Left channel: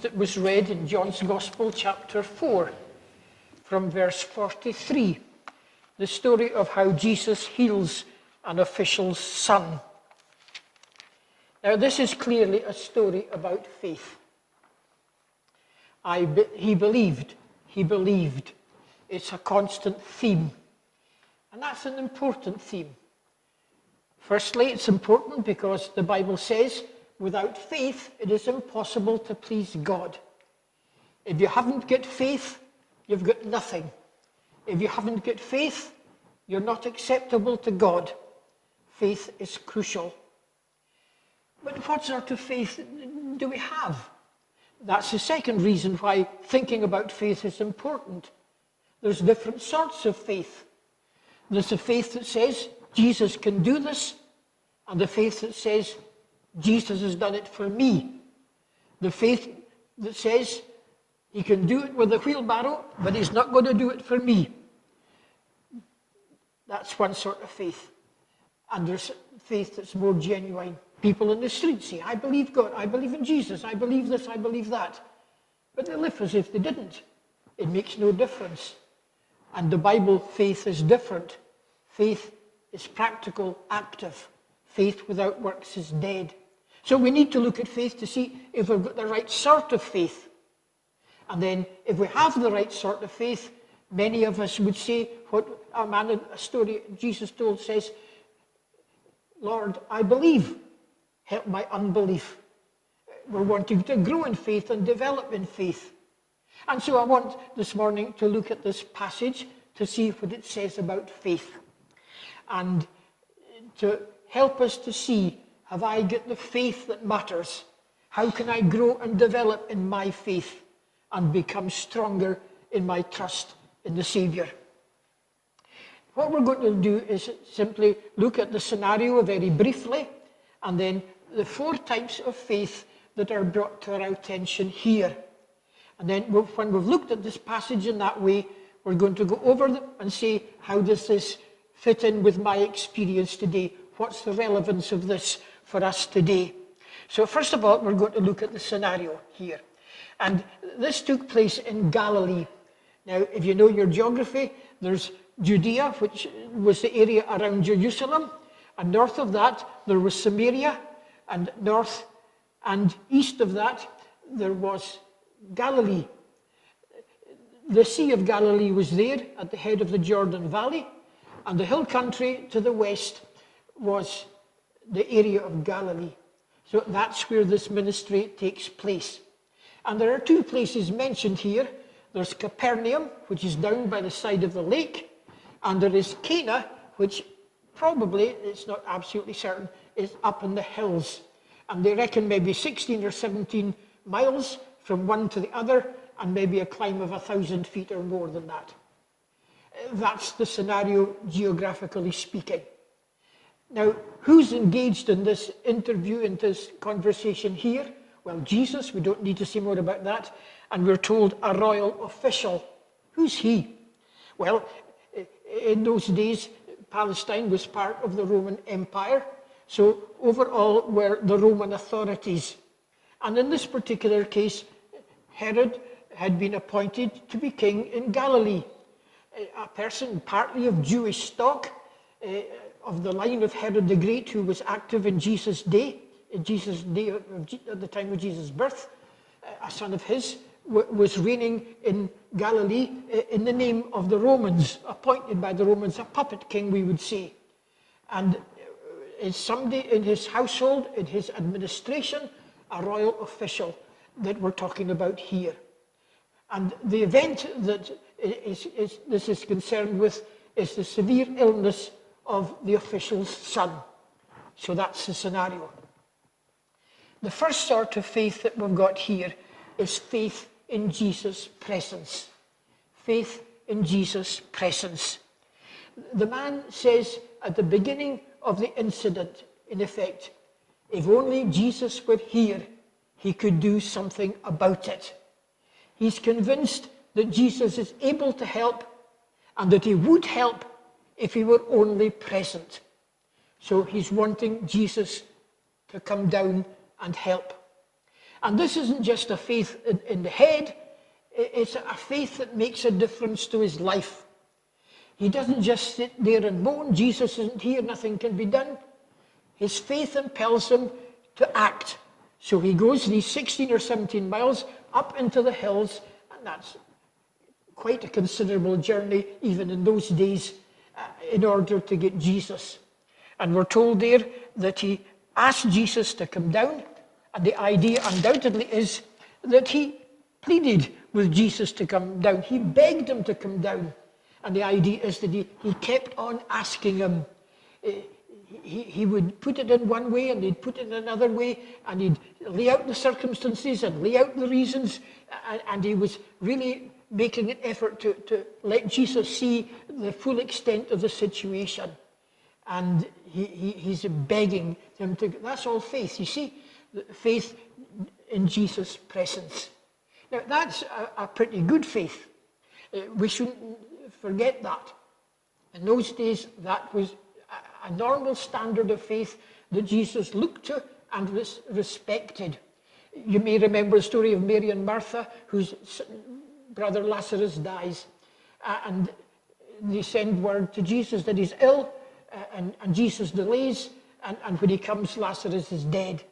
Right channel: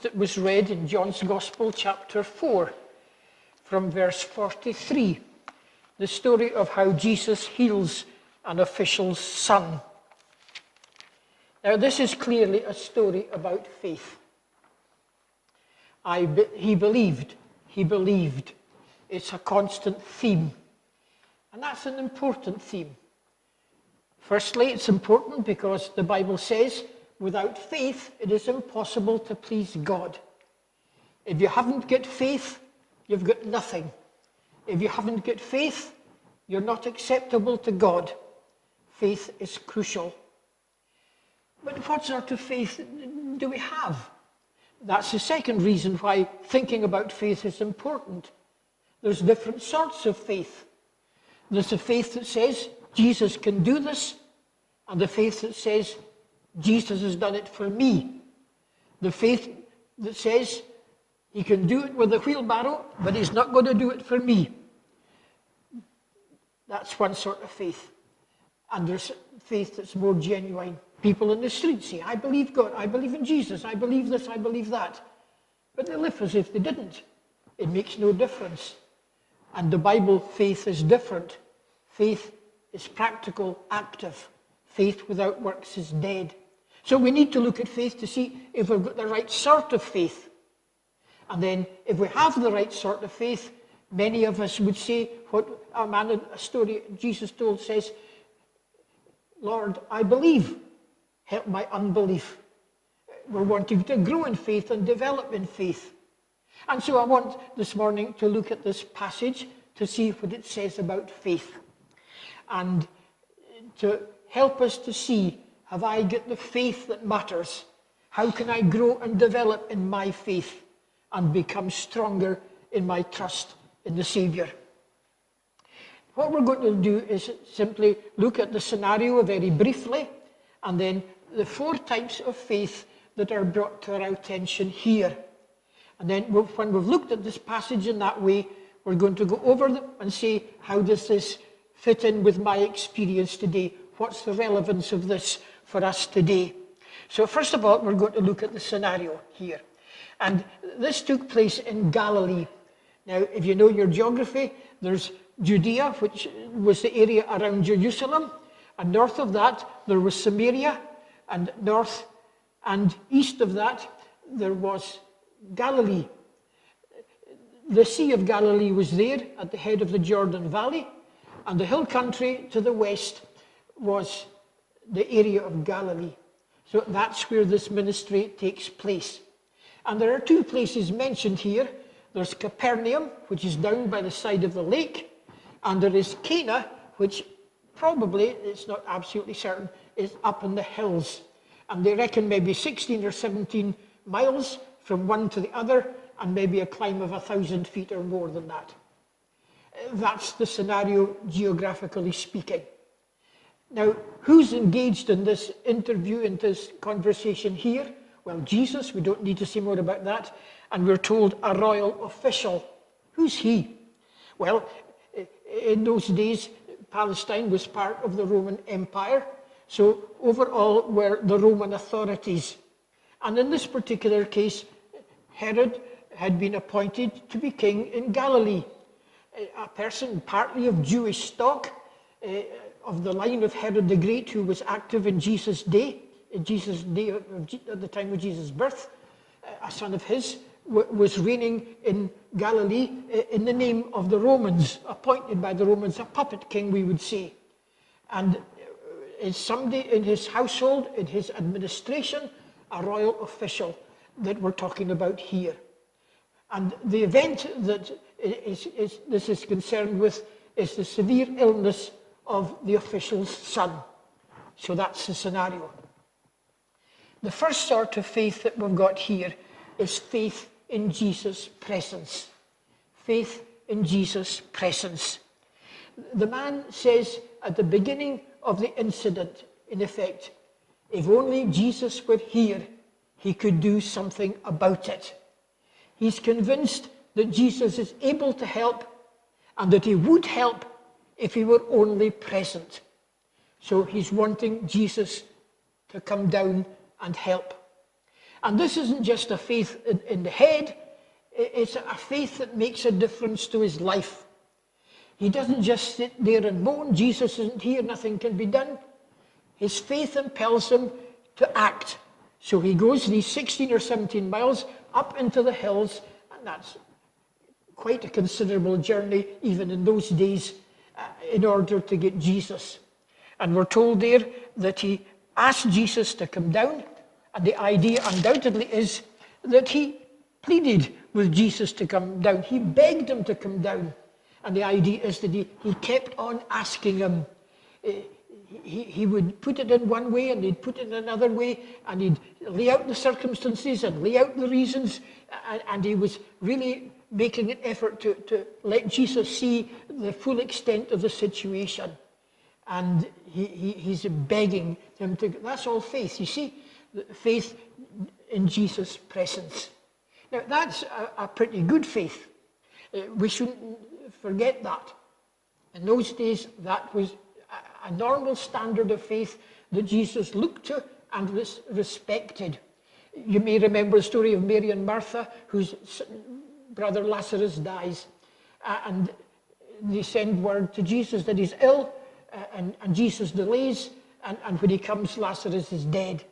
that was read in John's Gospel, chapter 4, from verse 43, the story of how Jesus heals an official's son. Now, this is clearly a story about faith. He believed. It's a constant theme. And that's an important theme. Firstly, it's important because the Bible says, without faith, it is impossible to please God. If you haven't got faith, you've got nothing. If you haven't got faith, you're not acceptable to God. Faith is crucial. But what sort of faith do we have? That's the second reason why thinking about faith is important. There's different sorts of faith. There's a faith that says, Jesus can do this, and the faith that says, Jesus has done it for me. The faith that says, he can do it with a wheelbarrow, but he's not going to do it for me. That's one sort of faith. And there's faith that's more genuine. People in the street say, I believe God, I believe in Jesus, I believe this, I believe that. But they live as if they didn't. It makes no difference. And the Bible faith is different. Faith is practical, active. Faith without works is dead. So we need to look at faith to see if we've got the right sort of faith. And then if we have the right sort of faith, many of us would say what a man in a story Jesus told says, Lord, I believe. Help my unbelief. We're wanting to grow in faith and develop in faith. And so I want this morning to look at this passage to see what it says about faith. And to help us to see, have I got the faith that matters? How can I grow and develop in my faith and become stronger in my trust in the Saviour? What we're going to do is simply look at the scenario very briefly, and then the 4 types of faith that are brought to our attention here. And then when we've looked at this passage in that way, we're going to go over them and say, how does this fit in with my experience today? What's the relevance of this for us today? So first of all, we're going to look at the scenario here. And this took place in Galilee. Now, if you know your geography, there's Judea, which was the area around Jerusalem. And north of that, there was Samaria. And north and east of that, there was Galilee. The Sea of Galilee was there at the head of the Jordan Valley, and the hill country to the west was the area of Galilee. So that's where this ministry takes place. And there are 2 places mentioned here. There's Capernaum, which is down by the side of the lake, and there is Cana, which probably, it's not absolutely certain, is up in the hills. And they reckon maybe 16 or 17 miles from one to the other, and maybe a climb of 1,000 feet or more than that. That's the scenario, geographically speaking. Now, who's engaged in this interview, in this conversation here? Well, Jesus, we don't need to say more about that. And we're told a royal official. Who's he? Well, in those days, Palestine was part of the Roman Empire. So overall were the Roman authorities. And in this particular case, Herod had been appointed to be king in Galilee. A person partly of Jewish stock, of the line of Herod the Great, who was active in Jesus' day, at the time of Jesus' birth. A son of his was reigning in Galilee in the name of the Romans, appointed by the Romans, a puppet king, we would say. And is somebody in his household, in his administration, a royal official that we're talking about here. And the event that this is concerned with is the severe illness of the official's son. So that's the scenario. The first sort of faith that we've got here is faith in Jesus' presence. Faith in Jesus' presence. The man says at the beginning of the incident, in effect, if only Jesus were here, he could do something about it. He's convinced that Jesus is able to help and that he would help if he were only present. So he's wanting Jesus to come down and help. And this isn't just a faith in the head, it's a faith that makes a difference to his life. He doesn't just sit there and moan, Jesus isn't here, nothing can be done. His faith impels him to act. So he goes these 16 or 17 miles up into the hills, and that's quite a considerable journey, even in those days, in order to get Jesus. And we're told there that he asked Jesus to come down, and the idea undoubtedly is that he pleaded with Jesus to come down. He begged him to come down. And the idea is that he kept on asking him. He would put it in one way and he'd put it in another way, and he'd lay out the circumstances and lay out the reasons, and he was really making an effort to let Jesus see the full extent of the situation. And he's begging him to. That's all faith, you see, faith in Jesus' presence. Now, that's a pretty good faith. We shouldn't forget that. In those days, that was a normal standard of faith that Jesus looked to and respected. You may remember the story of Mary and Martha, whose brother Lazarus dies. And they send word to Jesus that he's ill, and Jesus delays, and when he comes, Lazarus is dead.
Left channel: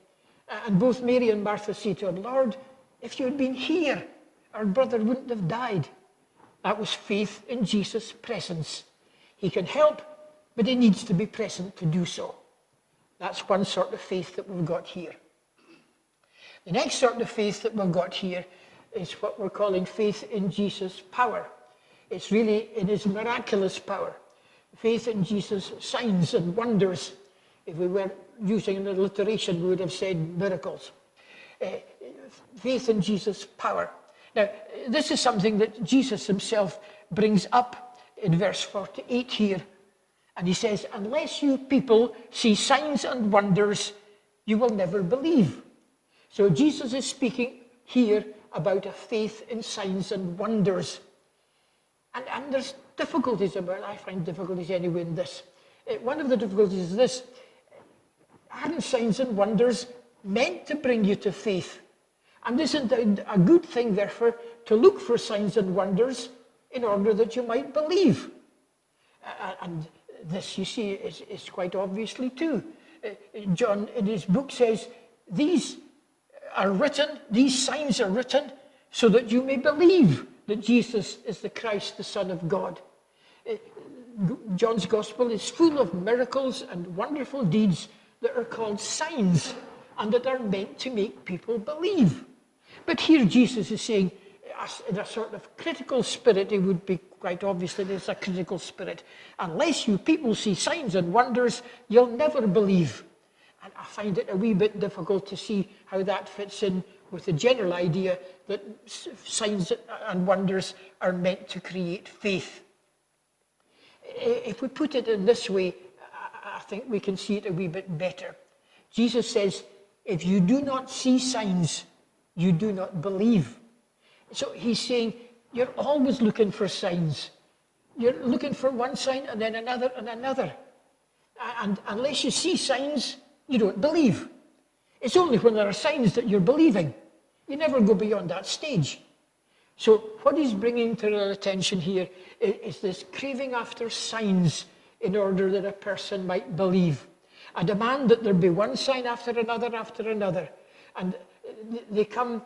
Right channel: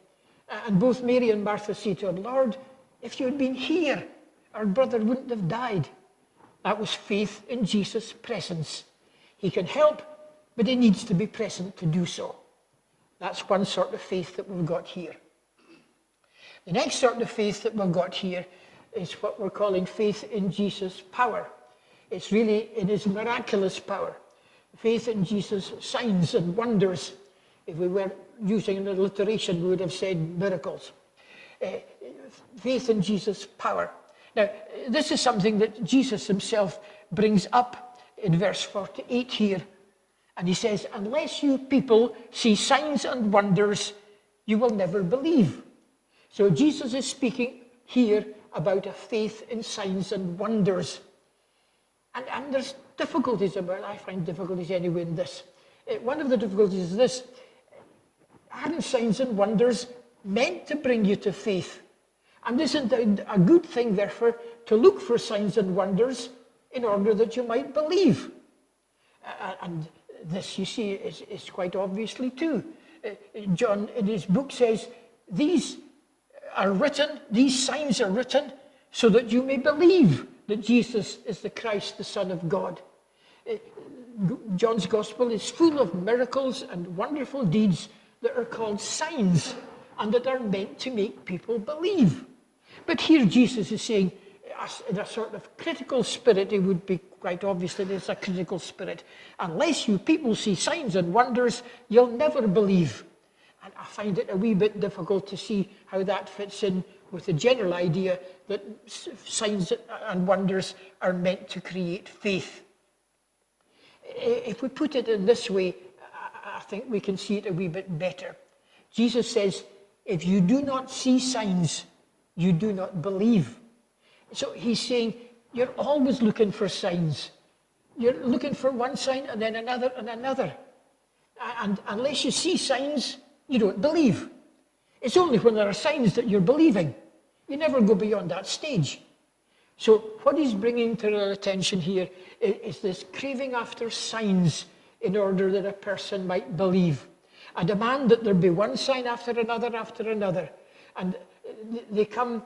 And both Mary and Martha say to him, Lord, if you had been here, our brother wouldn't have died. That was faith in Jesus' presence. He can help, but he needs to be present to do so. That's one sort of faith that we've got here. The next sort of faith that we've got here is what we're calling faith in Jesus' power. It's really in his miraculous power. Faith in Jesus' signs and wonders. If we were using an alliteration, we would have said miracles. Faith in Jesus' power. Now, this is something that Jesus himself brings up in verse 48 here. And he says, unless you people see signs and wonders, you will never believe. So Jesus is speaking here about a faith in signs and wonders. And there's difficulties about it. I find difficulties anyway in this. One of the difficulties is this. Aren't signs and wonders meant to bring you to faith? And isn't it a good thing, therefore, to look for signs and wonders in order that you might believe? And this, you see, is quite obviously too. John, in his book, says, these signs are written so that you may believe that Jesus is the Christ, the Son of God. John's Gospel is full of miracles and wonderful deeds that are called signs and that are meant to make people believe. But here Jesus is saying, in a sort of critical spirit, it would be quite obvious that it's a critical spirit. Unless you people see signs and wonders, you'll never believe. And I find it a wee bit difficult to see how that fits in with the general idea that signs and wonders are meant to create faith. If we put it in this way, I think we can see it a wee bit better. Jesus says, if you do not see signs, you do not believe. So he's saying, you're always looking for signs. You're looking for one sign and then another and another. And unless you see signs, you don't believe. It's only when there are signs that you're believing. You never go beyond that stage. So what he's bringing to our attention here is this craving after signs in order that a person might believe. A demand that there be one sign after another after another. And they come,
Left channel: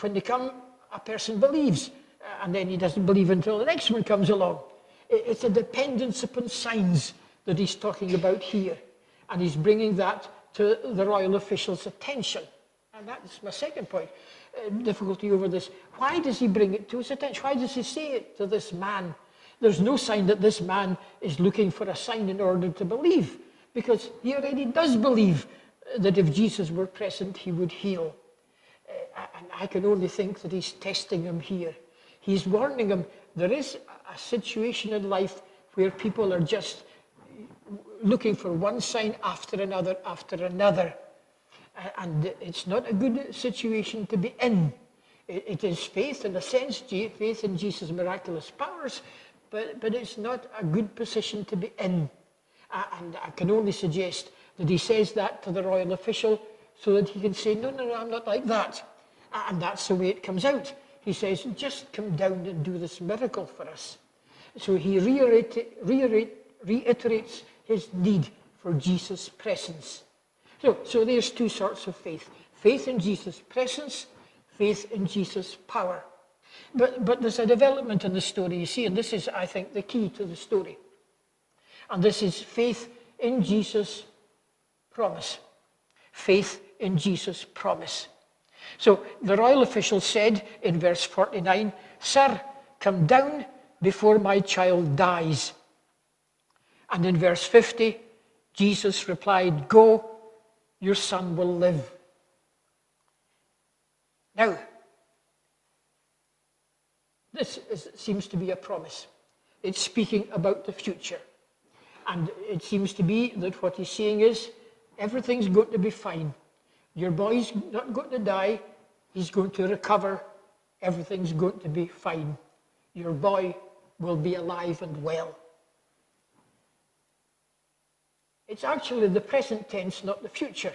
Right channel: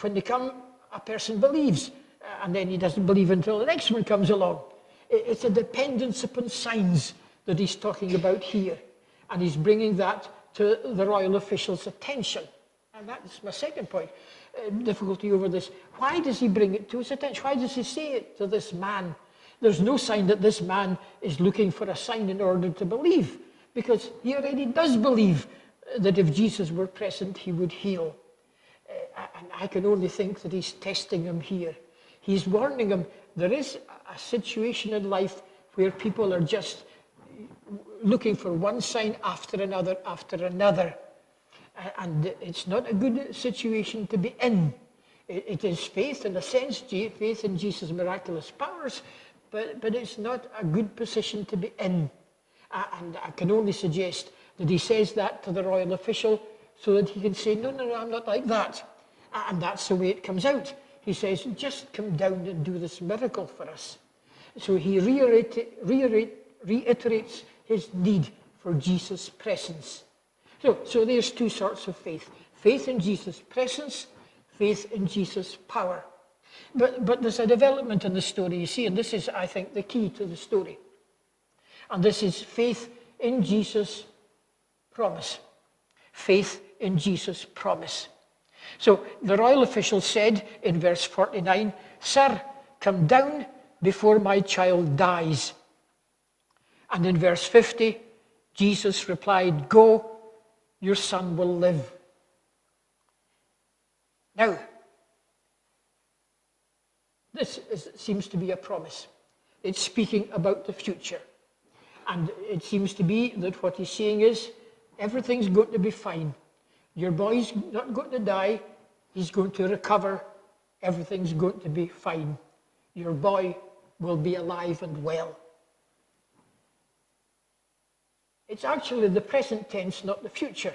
when they come, a person believes, and then he doesn't believe until the next one comes along. It's a dependence upon signs that he's talking about here. And he's bringing that to the royal official's attention. And that's my second point, difficulty over this. Why does he bring it to his attention? Why does he say it to this man? There's no sign that this man is looking for a sign in order to believe, because he already does believe that if Jesus were present, he would heal. And I can only think that he's testing him here. He's warning him there is a situation in life where people are just looking for one sign after another after another. And it's not a good situation to be in. It is faith, in a sense, faith in Jesus' miraculous powers, but it's not a good position to be in. And I can only suggest that he says that to the royal official so that he can say, no, no, no, I'm not like that. And that's the way it comes out. He says, just come down and do this miracle for us. So he reiterates his need for Jesus' presence. So there's two sorts of faith. Faith in Jesus' presence, faith in Jesus' power. But there's a development in the story, you see, and this is, I think, the key to the story. And this is faith in Jesus' promise. Faith in Jesus' promise. So the royal official said in verse 49, "Sir, come down before my child dies." And in verse 50, Jesus replied, "Go, your son will live." Now, seems to be a promise. It's speaking about the future. And it seems to be that what he's saying is, everything's going to be fine. Your boy's not going to die. He's going to recover. Everything's going to be fine. Your boy will be alive and well. It's actually the present tense, not the future.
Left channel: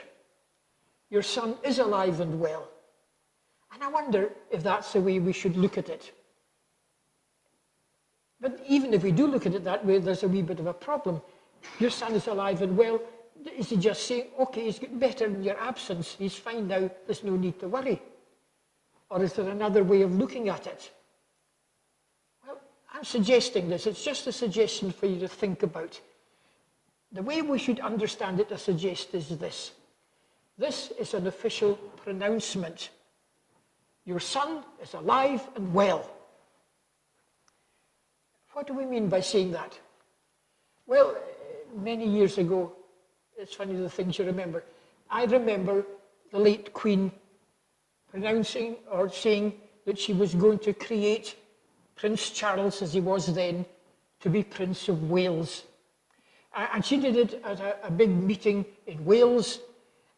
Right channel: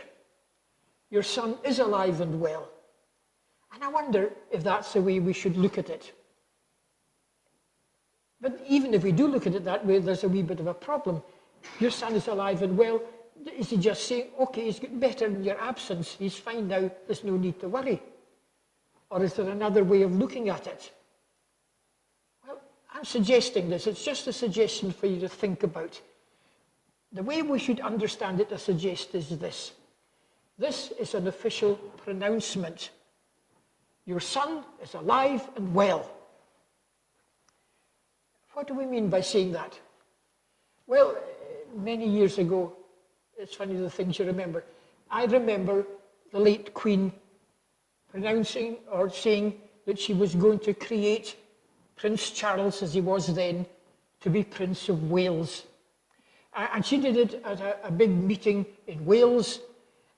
Your son is alive and well. And I wonder if that's the way we should look at it. But even if we do look at it that way, there's a wee bit of a problem. Your son is alive and well. Is he just saying, okay, he's getting better in your absence, he's fine now, there's no need to worry? Or is there another way of looking at it? Well, I'm suggesting this. It's just a suggestion for you to think about. The way we should understand it, I suggest, is this. This is an official pronouncement. Your son is alive and well. What do we mean by saying that? Well, many years ago, it's funny the things you remember. I remember the late Queen pronouncing or saying that she was going to create Prince Charles, as he was then, to be Prince of Wales. And she did it at a big meeting in Wales,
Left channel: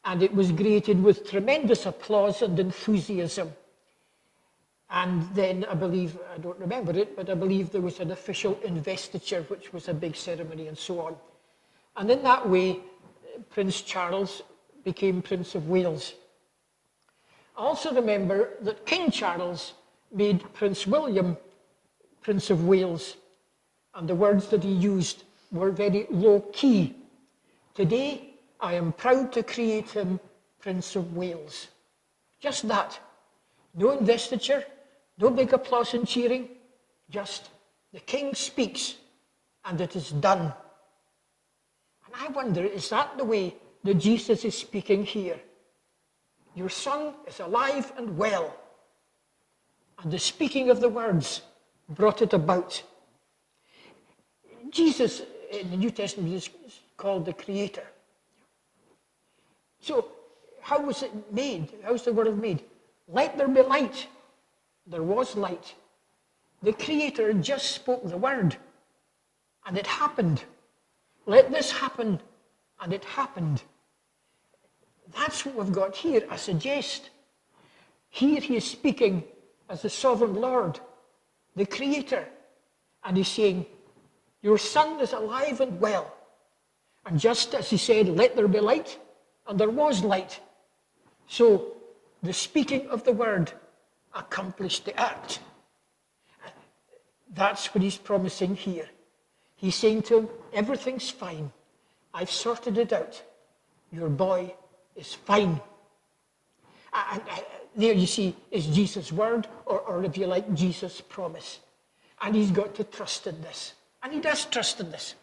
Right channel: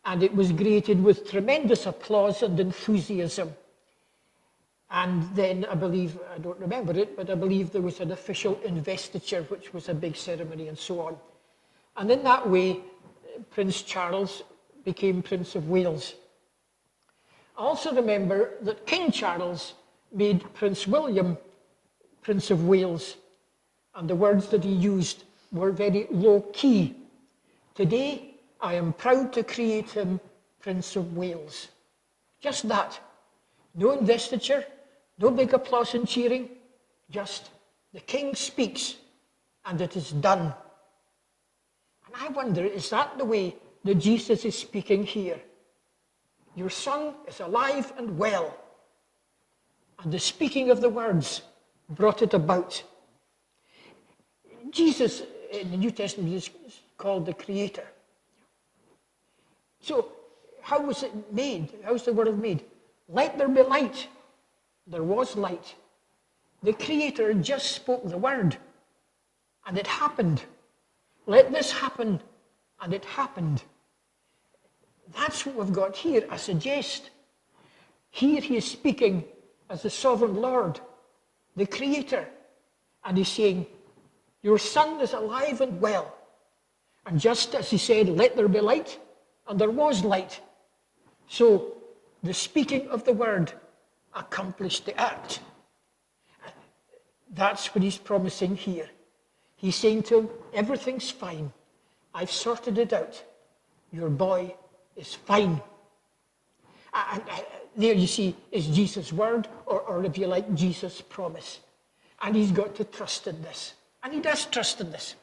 and it was greeted with tremendous applause and enthusiasm. And then I believe, I don't remember it, but I believe there was an official investiture, which was a big ceremony and so on. And in that way, Prince Charles became Prince of Wales. I also remember that King Charles made Prince William Prince of Wales, and the words that he used were very low-key. Today, I am proud to create him Prince of Wales. Just that. No investiture, no big applause and cheering, just the king speaks and it is done. And I wonder, is that the way that Jesus is speaking here? Your son is alive and well. And the speaking of the words brought it about. Jesus in the New Testament is called the Creator. So how was it made? How was the world made? Let there be light. There was light. The Creator just spoke the word, and it happened. Let this happen, and it happened. That's what we've got here, I suggest. Here he is speaking as the sovereign Lord, the Creator, and he's saying, your son is alive and well. And just as he said, let there be light, and there was light. So the speaking of the word accomplished the act. That's what he's promising here. He's saying to him, everything's fine. I've sorted it out. Your boy is fine. And there you see is Jesus' word, or if you like, Jesus' promise. And he's got to trust in this. And he does trust in this.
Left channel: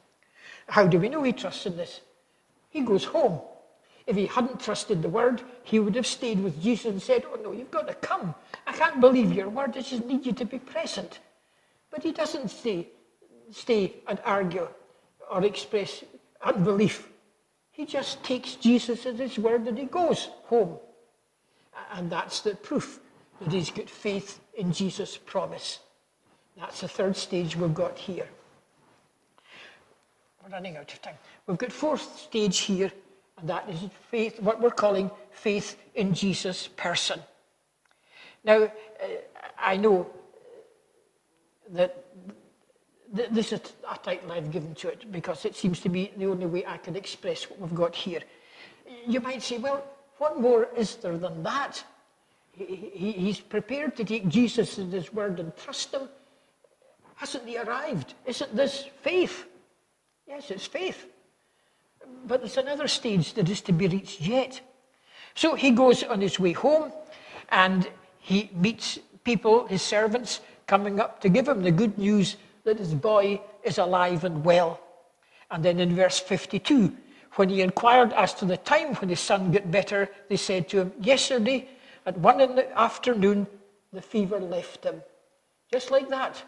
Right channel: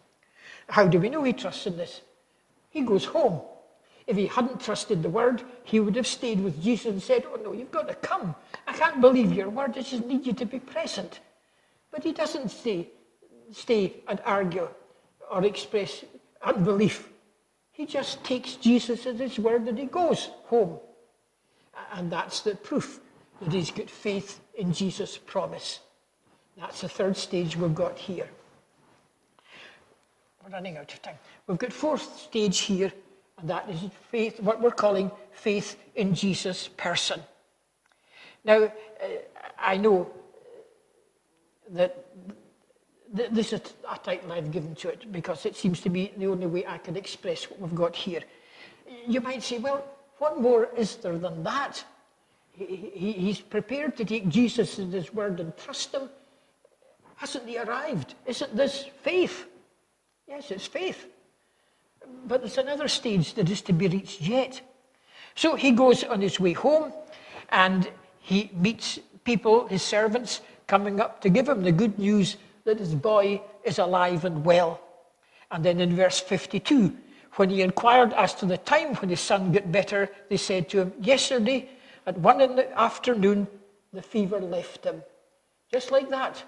How do we know he trusts in this? He goes home. If he hadn't trusted the word, he would have stayed with Jesus and said, oh no, you've got to come. I can't believe your word. I just need you to be present. But he doesn't stay and argue or express unbelief. He just takes Jesus at his word and he goes home. And that's the proof that he's got faith in Jesus' promise. That's the third stage we've got here. We're running out of time. We've got fourth stage here, and that is faith, what we're calling faith in Jesus' person. Now, I know that this is a title I've given to it because it seems to be the only way I can express what we've got here. You might say, well, What more is there than that? He's prepared to take Jesus at his word and trust him. Hasn't he arrived? Isn't this faith? Yes, it's faith. But there's another stage that is to be reached yet. So he goes on his way home and he meets people, his servants, coming up to give him the good news that his boy is alive and well. And then in verse 52, when he inquired as to the time when his son got better, they said to him, yesterday at 1 in the afternoon, the fever left him. Just like that,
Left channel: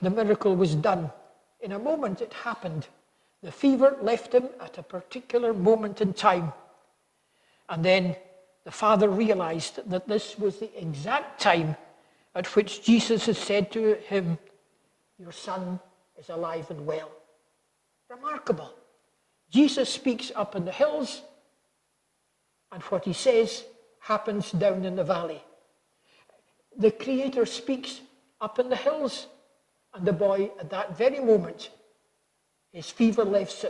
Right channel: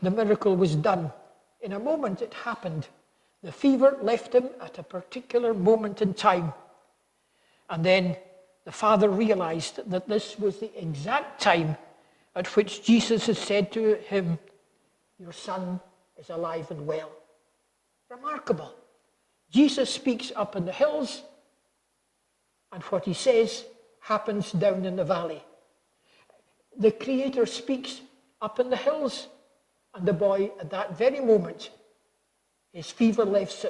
the miracle was done. In a moment it happened. The fever left him at a particular moment in time. And then the father realized that this was the exact time at which Jesus had said to him, your son is alive and well. Remarkable. Jesus speaks up in the hills, and what he says happens down in the valley. The Creator speaks up in the hills, and the boy at that very moment, his fever leaves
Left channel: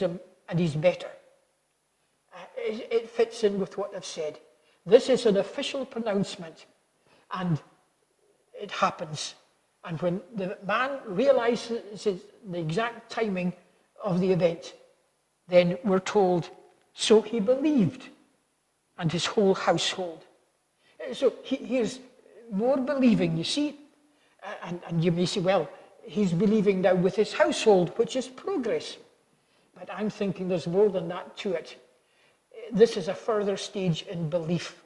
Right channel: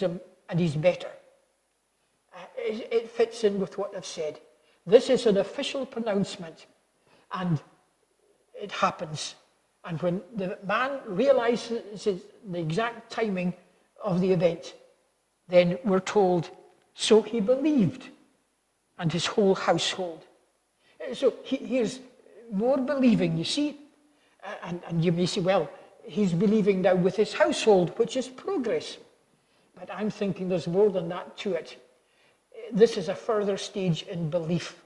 him, and he's better. It fits in with what I've said. This is an official pronouncement, and it happens. And when the man realizes the exact timing of the event, then we're told, so he believed, and his whole household. So here's more believing, you see. And you may say, well, he's believing now with his household, which is progress. But I'm thinking there's more than that to it. This is a further stage in belief.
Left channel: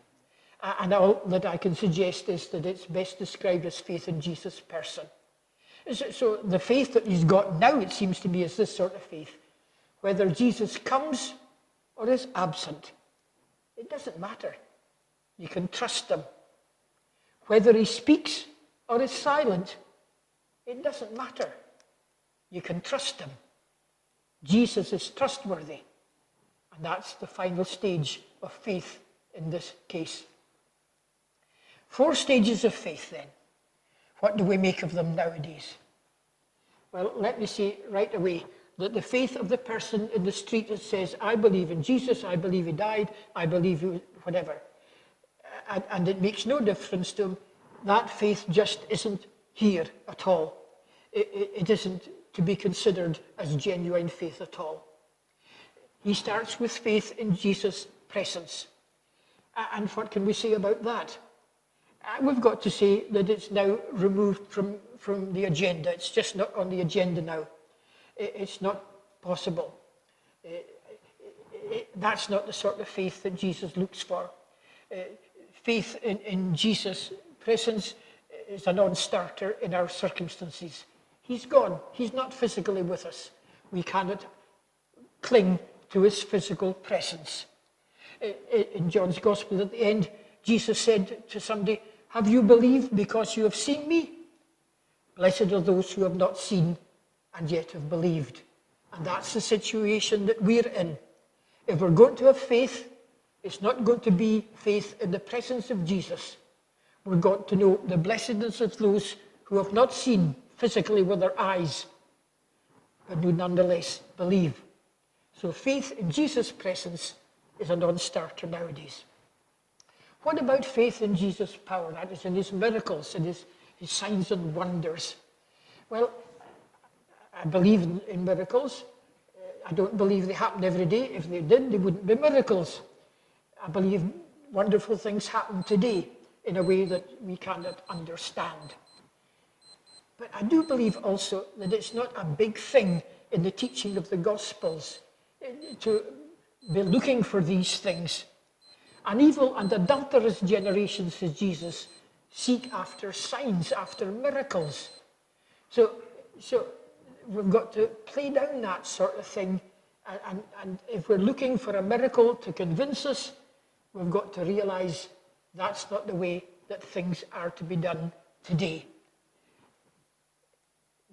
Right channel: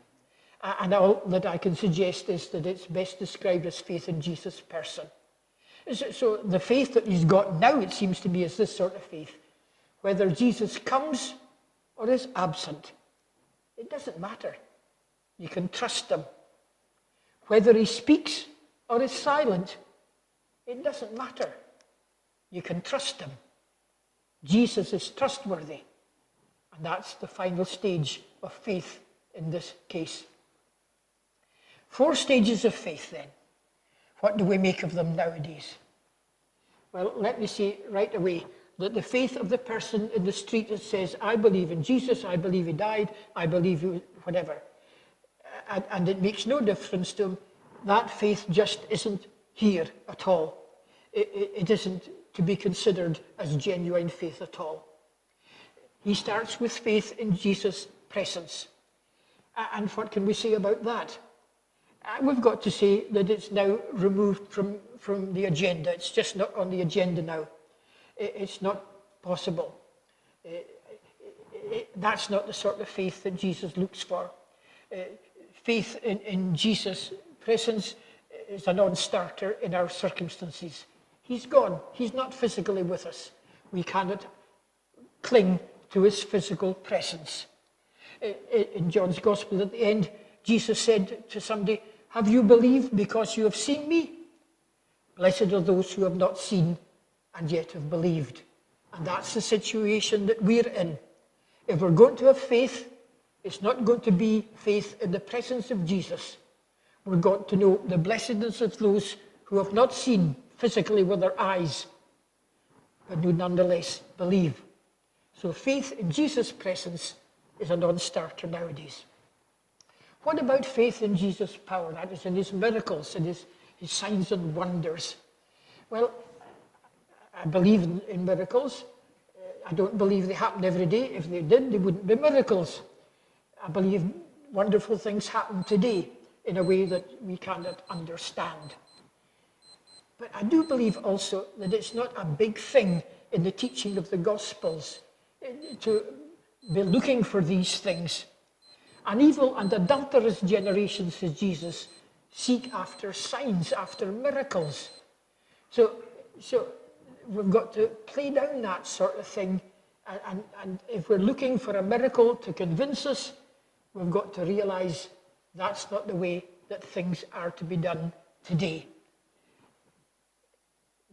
And all that I can suggest is that it's best described as faith in Jesus' person. So the faith that he's got now, it seems to me, is this sort of faith. Whether Jesus comes or is absent, it doesn't matter. You can trust him. Whether he speaks or is silent, it doesn't matter. You can trust him. Jesus is trustworthy. And that's the final stage of faith in this case. 4 stages of faith then. What do we make of them nowadays? Well, let me say right away that the faith of the person in the street that says, I believe in Jesus, I believe he died, I believe he whatever, and it makes no difference to him, that faith just isn't here at all. It isn't to be considered as genuine faith at all. He starts with faith in Jesus' presence. And what can we say about that? We've got to say that it's now removed from the agenda. It's just not on the agenda now. It's not possible. That's not the sort of faith that Jesus looks for. Faith in Jesus' presence is a non-starter in our circumstances. He's gone. He's not physically with us. We cannot cling to his physical presence. In John's Gospel at the end, Jesus said to somebody, have you believed because you have seen me? Blessed are those who have not seen and yet have believed. And that's the situation that we're in. If we're going to have faith, it's not going to be faith in the presence of Jesus. We're going to know the blessedness of those who have not seen physically with their eyes, but who nonetheless believe. So faith in Jesus' presence is a non-starter nowadays. What about faith in Jesus' power? That is in his miracles, in his signs and wonders. Well, I believe in miracles. I don't believe they happen every day. If they did, they wouldn't be miracles. I believe wonderful things happen today in a way that we cannot understand. But I do believe also that it's not a big thing in the teaching of the Gospels to be looking for these things. An evil and adulterous generation, says Jesus, seek after signs, after miracles. So we've got to play down that sort of thing. And if we're looking for a miracle to convince us, we've got to realize that's not the way that things are to be done today.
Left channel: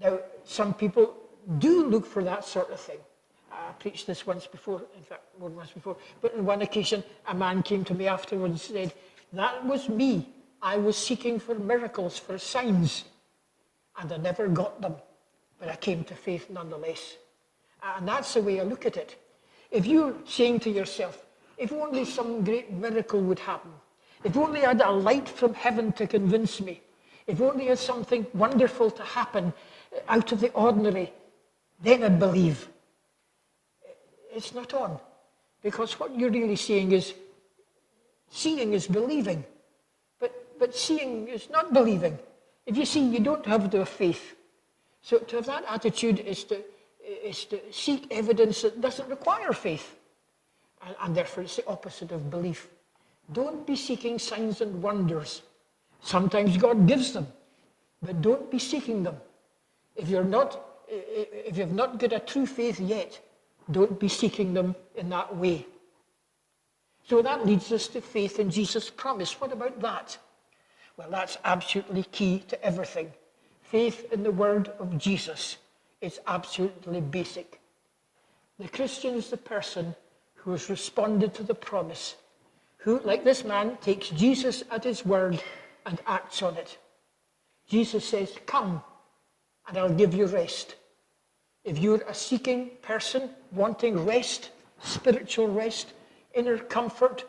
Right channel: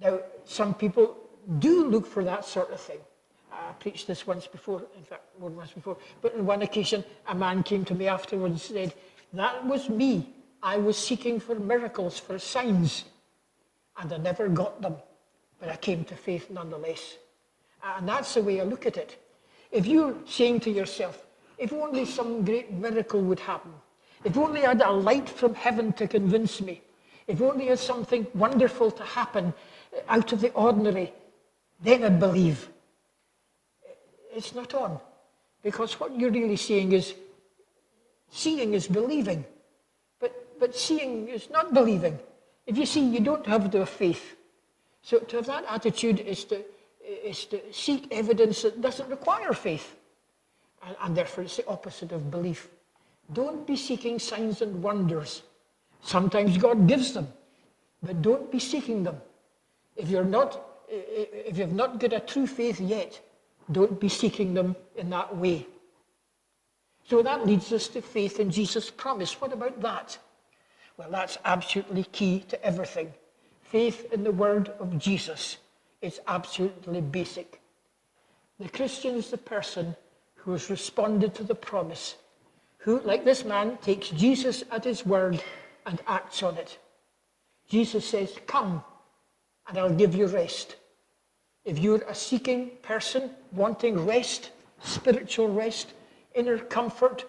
Now, some people do look for that sort of thing. I preached this once before, in fact, more than once before, but on one occasion, a man came to me afterwards and said, that was me. I was seeking for miracles, for signs, and I never got them, but I came to faith nonetheless. And that's the way I look at it. If you're saying to yourself, if only some great miracle would happen. If only I had a light from heaven to convince me. If only I had something wonderful to happen out of the ordinary, then I'd believe. It's not on. Because what you're really saying is, seeing is believing. But seeing is not believing. If you see, you don't have to have faith. So to have that attitude is to seek evidence that doesn't require faith. And therefore it's the opposite of belief. Don't be seeking signs and wonders. Sometimes God gives them, but don't be seeking them. If you've not got a true faith yet, don't be seeking them in that way. So that leads us to faith in Jesus' promise. What about that? Well, that's absolutely key to everything. Faith in the word of Jesus is absolutely basic. The Christian is the person who has responded to the promise, who, like this man, takes Jesus at his word and acts on it. Jesus says, come, and I'll give you rest. If you're a seeking person, wanting rest, spiritual rest, inner comfort,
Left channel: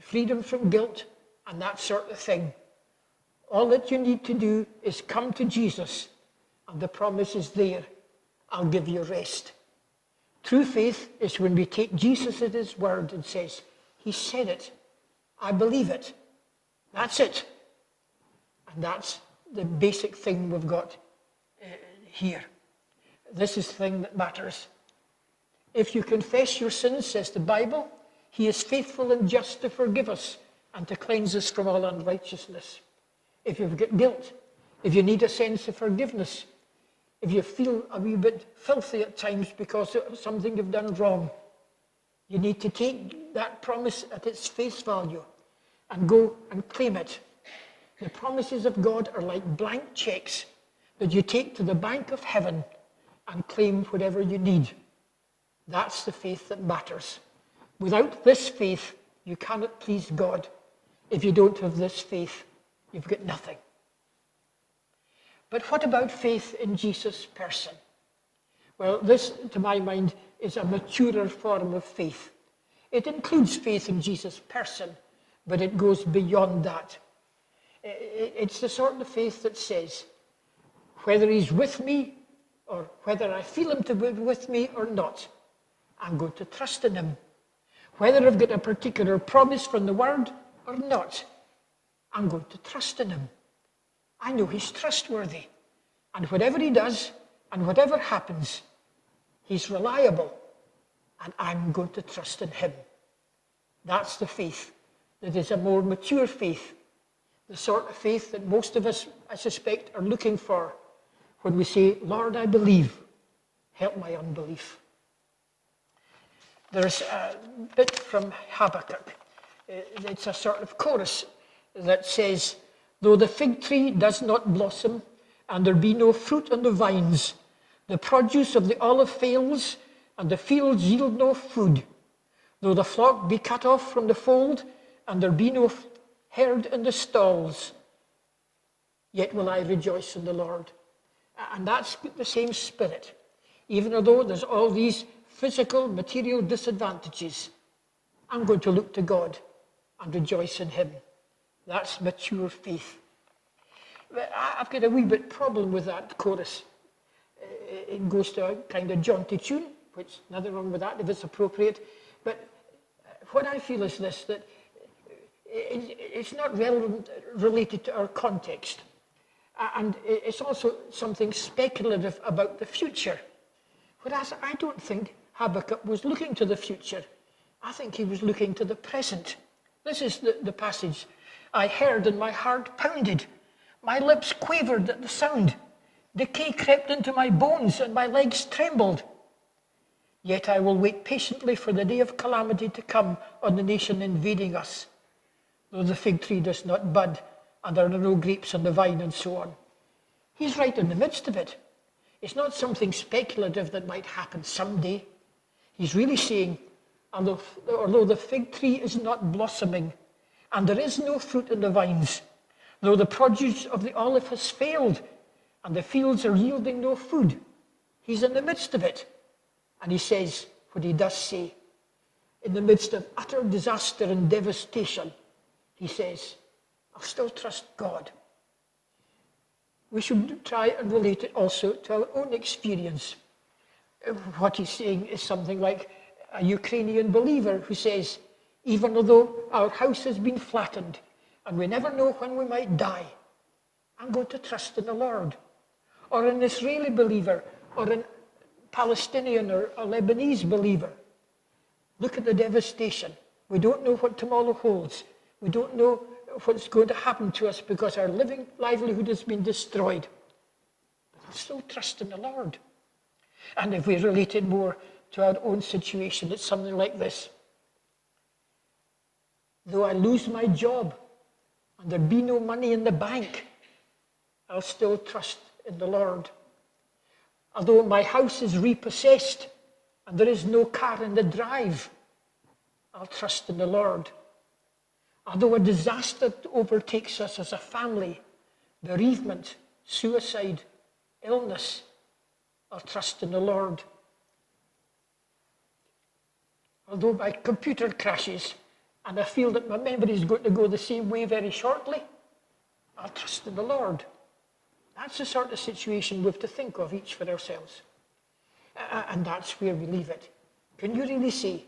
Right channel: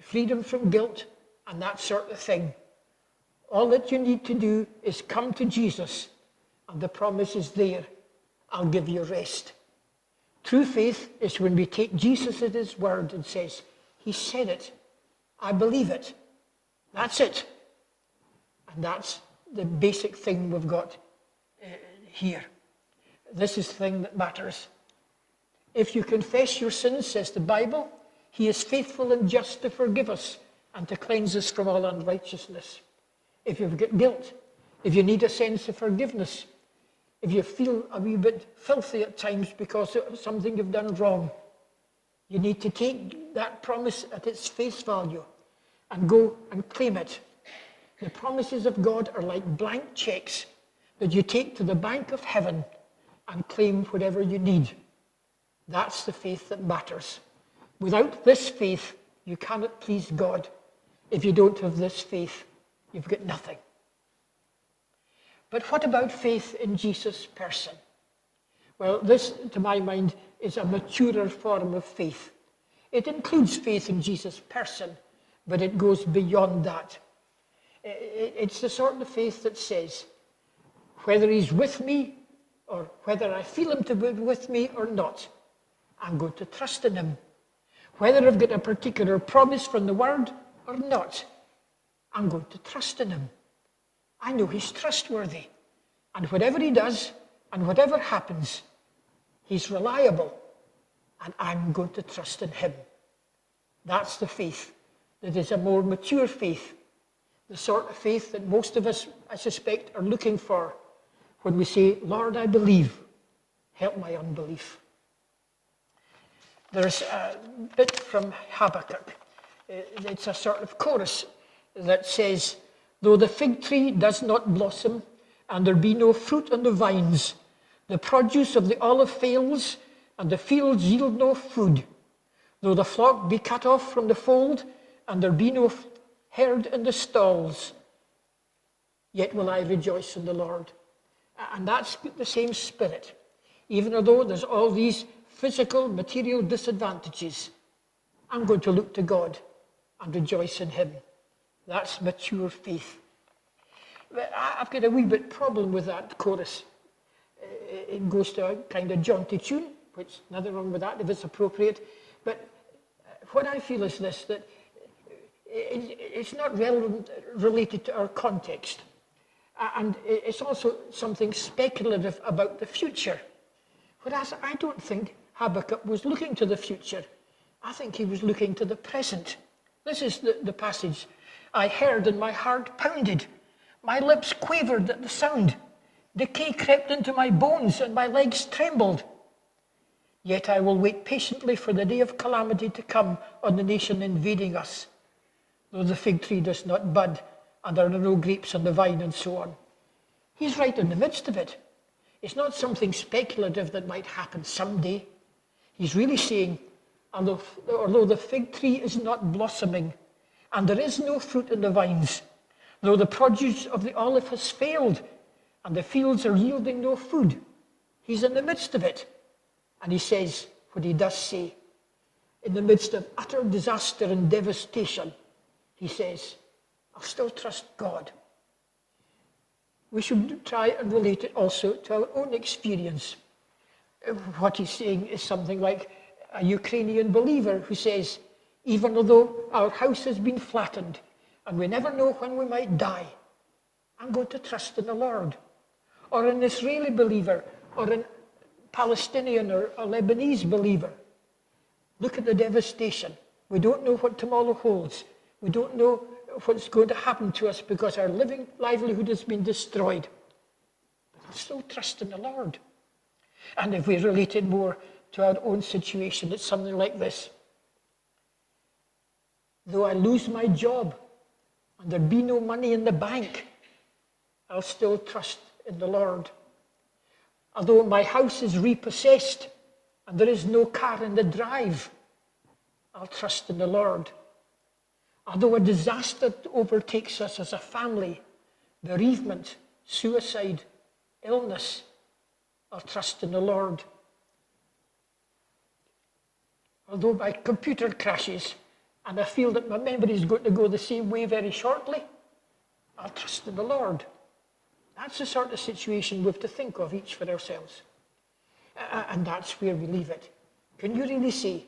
freedom from guilt, and that sort of thing, all that you need to do is come to Jesus, and the promise is there. I'll give you rest. True faith is when we take Jesus at his word and says, he said it. I believe it. That's it. And that's the basic thing we've got here. This is the thing that matters. If you confess your sins, says the Bible, he is faithful and just to forgive us and to cleanse us from all unrighteousness. If you've got guilt, if you need a sense of forgiveness, if you feel a wee bit filthy at times because of something you've done wrong, you need to take that promise at its face value and go and claim it. The promises of God are like blank checks that you take to the bank of heaven and claim whatever you need. That's the faith that matters. Without this faith, you cannot please God. If you don't have this faith, you've got nothing. But what about faith in Jesus' person? Well, this, to my mind, is a maturer form of faith. It includes faith in Jesus' person, but it goes beyond that. It's the sort of faith that says, whether he's with me or whether I feel him to be with me or not, I'm going to trust in him. Whether I've got a particular promise from the word or not, I'm going to trust in him. I know he's trustworthy. And whatever he does and whatever happens, he's reliable. And I'm going to trust in him. That's the faith that is a more mature faith. The sort of faith that most of us, I suspect, are looking for when we say, Lord, I believe, help my unbelief. There's a bit from Habakkuk. It's a sort of chorus that says, though the fig tree does not blossom, and there be no fruit on the vines, the produce of the olive fails, and the fields yield no food, though the flock be cut off from the fold, and there be no herd in the stalls, yet will I rejoice in the Lord. And that's the same spirit. Even though there's all these physical, material disadvantages, I'm going to look to God and rejoice in him. That's mature faith. I've got a wee bit problem with that chorus. It goes to a kind of jaunty tune, which nothing wrong with that if it's appropriate. But what I feel is this, that it's not related to our context. And it's also something speculative about the future. Whereas I don't think Habakkuk was looking to the future. I think he was looking to the present. This is the passage. I heard and my heart pounded. My lips quavered at the sound. Decay crept into my bones and my legs trembled. Yet I will wait patiently for the day of calamity to come on the nation invading us. Though the fig tree does not bud, and there are no grapes on the vine, and so on. He's right in the midst of it. It's not something speculative that might happen someday. He's really saying, although the fig tree is not blossoming, and there is no fruit in the vines, though the produce of the olive has failed, and the fields are yielding no food, he's in the midst of it. And he says what he does say. in the midst of utter disaster and devastation, he says, I'll still trust God. We should try and relate it also to our own experience. What he's saying is something like a Ukrainian believer who says, even although our house has been flattened and we never know when we might die, I'm going to trust in the Lord. Or an Israeli believer, or a Palestinian or a Lebanese believer. Look at the devastation. We don't know what tomorrow holds. We don't know what's going to happen to us because our living livelihood has been destroyed. But I'll still trust in the Lord. And if we relate it more to our own situation, it's something like this. Though I lose my job and there be no money in the bank, I'll still trust in the Lord. Although my house is repossessed and there is no car in the drive, I'll trust in the Lord. Although a disaster overtakes us as a family, bereavement, suicide, illness, I'll trust in the Lord. Although my computer crashes and I feel that my memory is going to go the same way very shortly, I'll trust in the Lord. That's the sort of situation we have to think of each for ourselves. And that's where we leave it. Can you really say,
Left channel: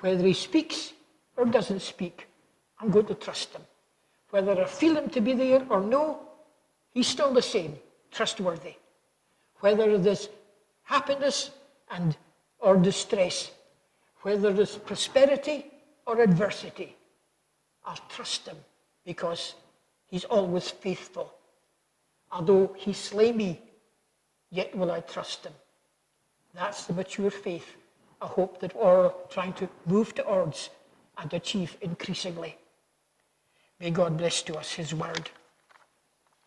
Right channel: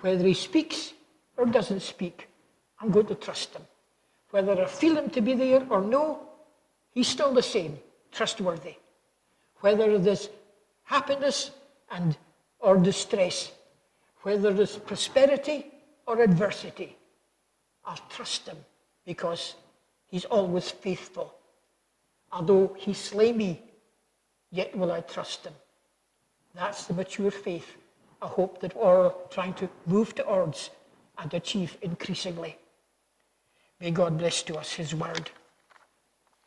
whether he speaks or doesn't speak, I'm going to trust him. Whether I feel him to be there or no, he's still the same, trustworthy. Whether there's happiness or distress, whether there's prosperity or adversity, I'll trust him because he's always faithful. Although he slay me, yet will I trust him. That's the mature faith, a hope that we're all trying to move towards and achieve increasingly. May God bless to us his word.